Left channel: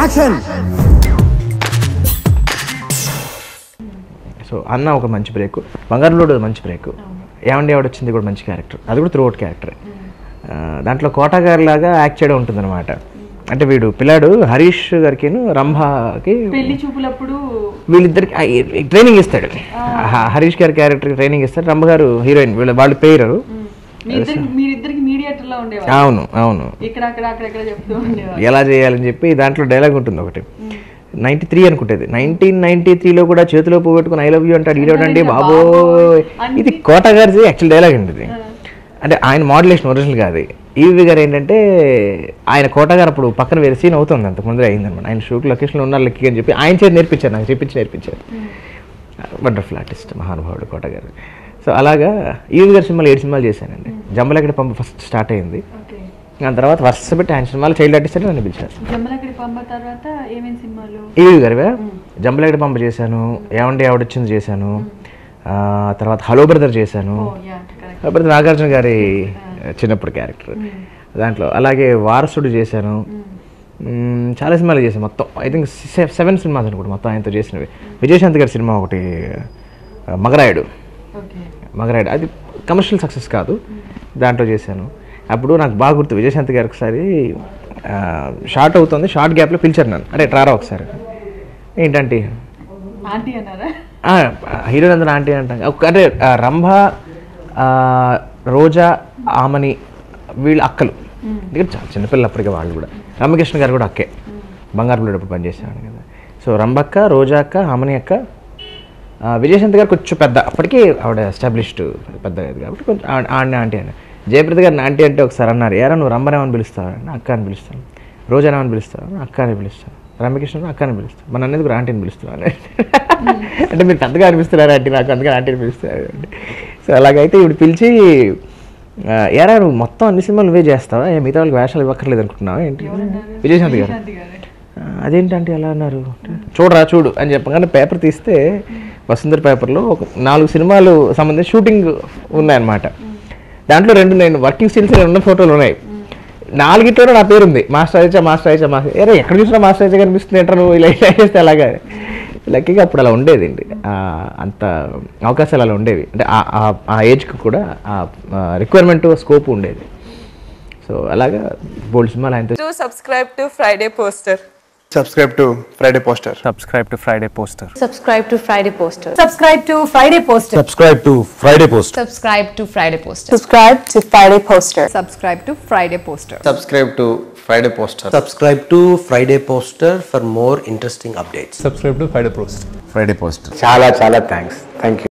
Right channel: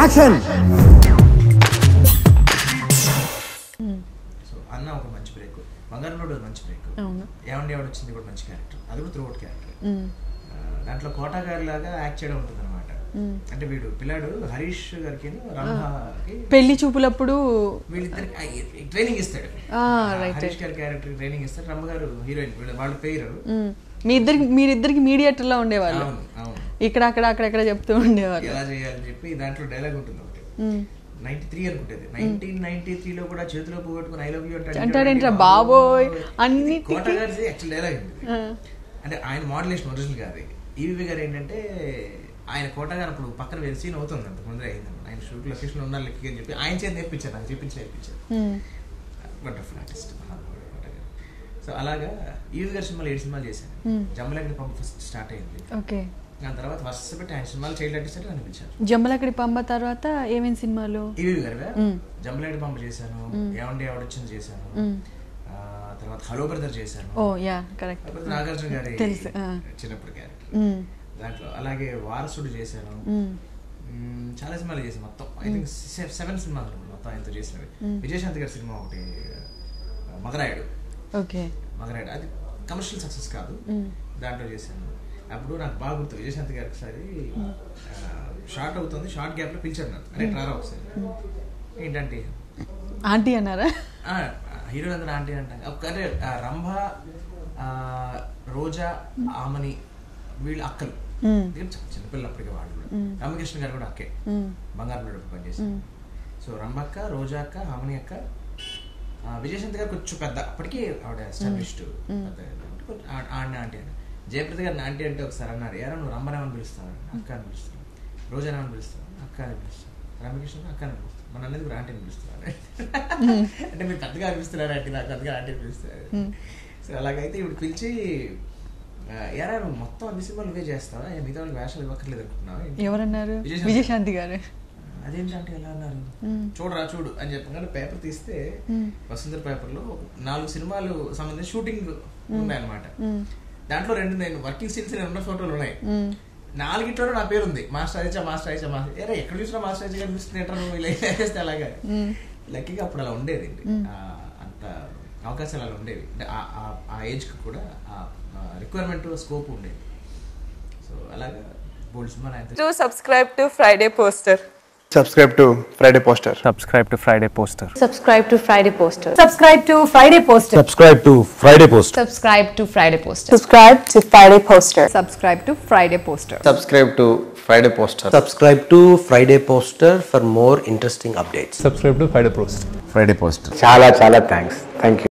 Action. So అన్న ఒక మంచి బ్రేక్, బంగారంలో మంచి బ్రేక్, ఏమండి ఆవిడ వచ్చింది కూడా మంచి క్యారెక్టర్, అది కూడా త్రూ అవుట్ క్యారెక్టర్. దాంట్లో కోట గారి లాగా యాక్ట్ చేయడం ఉంటుంది అనమాట. అంటే వీడు పిల్లాడు హరీష్ గారికి రంభకి పెళ్లి చూపులప్పుడు వీళ్ళిద్దరికి ట్రైనింగ్ ఇస్తాడు. హరీష్ గారి క్యారెక్టర్ ట్రైనింగ్ ఇస్తాడు, రంభ గారు హీరోయిన్, వాళ్ళు పేరు మీరిద్దరికి మీడియేటర్ లా ఉండేవారు. అవును అవును, ఇక్కడ అక్కడ అక్కడెక్కడ చెప్తూ ఉండేవారు ఎలా చేయాలని చెప్పి. దాంట్లో డైలాగ్ ఉంటుంది ఒకటి, 93 అనుకుంటేది, 1993లో కూడా చేతిలో పోగొట్టుకుని ఐ లవ్ యూ అంటాడు ఈడోడండి బాబోయ్. ఇది కోట గారిది యాక్చువల్ డైలాగ్ అండి ఇది. అంటే ఆయన మోడ్యులేషన్ ఒరిజినల్ కాదు. ఈవి గారు ఏంటంటే ఆయన కోట గారు అప్పుడు పక్కన వేరే సీన్ అవుతుంది, అంతకు ముందే అయిందనమాట. ఆయన షూట్ లొకేషన్లో ఉన్నారు లెక్కి అని చెప్పి ఆయన చేతి నేర్పించారు, నాకు నేర్పించారు. వండర్ఫుల్ ఆర్టిస్ట్ మహానుభావుడు కోట గారు. సో అలాగా ఈవి గారి సినిమాలు 7 సినిమాలు చేశానండి. జంబలగడ్డ పంప ఫస్ట్ స్టార్ట్ అయింది, దాని తర్వాత వరుస పెట్టి ఆయన సినిమాలు చైల్డ్ ఆర్టిస్ట్ అని నన్ను పిలిచారు. జంబలగడ్డ పంప తర్వాత ఏమేమి సినిమాలు? ఈవి గారివే జంబలగడ్డ పంప చేశాను, ఏమండి ఆవిడొచ్చింది చేశాను, తర్వాత హలో బ్రదర్ చేశాను. హలో బ్రదర్ నాగార్జున గారి చిన్నప్పుడు క్యారెక్టర్ దాంట్లో. అలాగే వారసుడు చేశాను, చాలా సినిమాలు చేశాను. మొత్తం ఐ థింక్ 7 సినిమాస్ అనుకుంటా మొత్తం ఆయనతో చేసినవి. విజయశాంతి గారి సినిమా ఒకటి మగరాయుడు, అది కమర్షియల్ సక్సెస్ కాదు, దాంట్లో చేశాను. అప్పుడు నాకు బాగా గుర్తు, విజయశాంతి గారు ఒకసారి షార్ట్ అవుతుంది, షార్ట్ గ్యాప్లో పిలిచారు నన్ను, అంటే ట్రారా ఒకసారి ఏంటంటే ఆంటీ అన్నారా? హీరోయిన్ అందరూ ఆంటీ అంటాం. అంటే రంభ, రోజా, ఆమని వీళ్ళ అక్కలు, చిన్నపిల్లలు అప్పటికే వాళ్ళు కూడా. రామకృష్ణ గారు కూడా అక్కే, బంగారు పిల్లడు పనిచేశాను కదా. సో రంభక్క, రోజా అక్క, ఆమని అక్క, విజయశాంతి గారు కొంచెం పెద్ద, అప్పటికి ఆవిడ ఎస్టాబ్లిష్డ్ పెద్ద కాబట్టి కొంచెం ఆడిన ఆంటీ అని. జయప్రద గారిని ఆంటీ అంటే ఒకసారి అన్నారు, ఏరా నువ్వు రంభనేమని పిలుస్తావు అంటే అక్క అని పిలుస్తాను, రోజానేమని పిలుస్తావు అక్క అని పిలుస్తాను, రామకృష్ణ అక్క అని పిలుస్తాను, మన అనేది కూడా ఆంటీని పిలుస్తున్నాను. అంటే మీరు పెద్దగా అనిపిస్తున్నారు ఆంటీ, నాకు అందుకని ఆంటీని పిలుస్తారు. సో అలాగైతే ఇప్పుడు పిలిచి, ఏరా నువ్వు మొత్తం అన్ని సినిమాలు నువ్వే చేస్తావా, మిగతా వాళ్ళకి వేషాలు ఇవ్వక్కర్లేదు అనుకుంటున్నావా ఏంటి? విజయశాంతి గారు అదేంటంటే ఎలా అన్నారు, చూడు అని చెప్పగానే పేపర్ తీస్తే వసుంధర పేపర్లో ఒక 4 సినిమాలు సంబంధించి షూటింగ్ ఉన్నాయన్నమాట. దాంట్లో 2 నేను వర్కింగ్ స్టిల్స్ 2 ఫోటోలు ఉన్నాయి. 4 నా పేరు ఉంది, మాస్టర్ అయిచా. ఏరే ఎక్కడ చూసినా మాస్టర్ అయిచా కనిపిస్తుంది ఏంటో నువ్వు ఇలా చేస్తే అలాగా. లక్కీగా అప్పుడు అలా ఉండేది అండి, అంత అవకాశాలు అలా ఉండేవి. అంటే ఆ ఏజ్కి కూడా ఆ రిక్వైర్మెంట్ స్కోప్ ఉండేది. సో అలాగా బోల్డ్ సినిమాలు ఆయనతో. Subscribe to Friday poster. Subscribe to Friday Poster. Subscribe to Friday Poster. Subscribe to Friday Poster. Subscribe to Friday poster. Subscribe to Friday Post. Subscribe to Friday Poster. Subscribe to Friday poster. Subscribe to Friday Poster. Subscribe to Friday Poster. Subscribe to Friday Poster for more interesting updates. Subscribe to Friday Poster. Friday Poster. చాలా thanks. Thank you.